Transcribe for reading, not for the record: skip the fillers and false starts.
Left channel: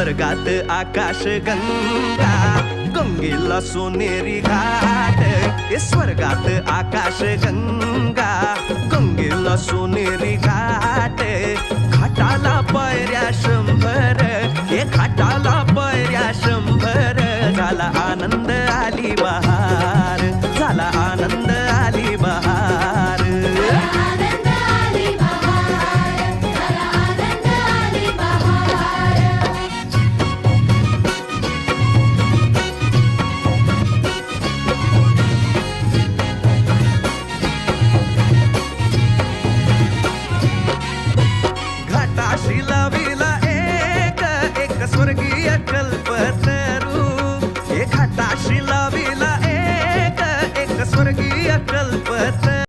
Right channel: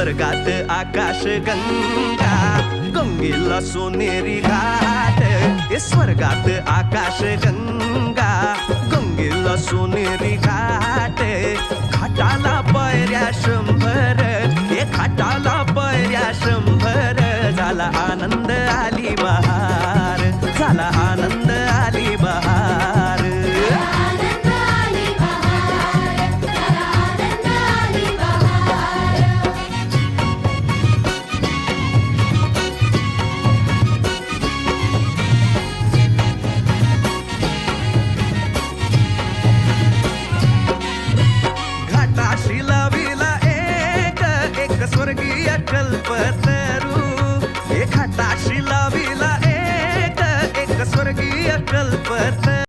स्वर्गात आकाश गंगा, गंगेला सोनेरी घाट. स्वर्गात आकाश गंगा, गंगेला सोनेरी घाट. घाटाला पायऱ्या 100, घाटाला पायऱ्या 100. झाला आनंद आली बहार, झाला आनंद आली बहार. घाटाशी लाविला एक स्वर्गीय कल्पतरू. घाटाशी लाविला एक स्वर्गीय कल्पतरू.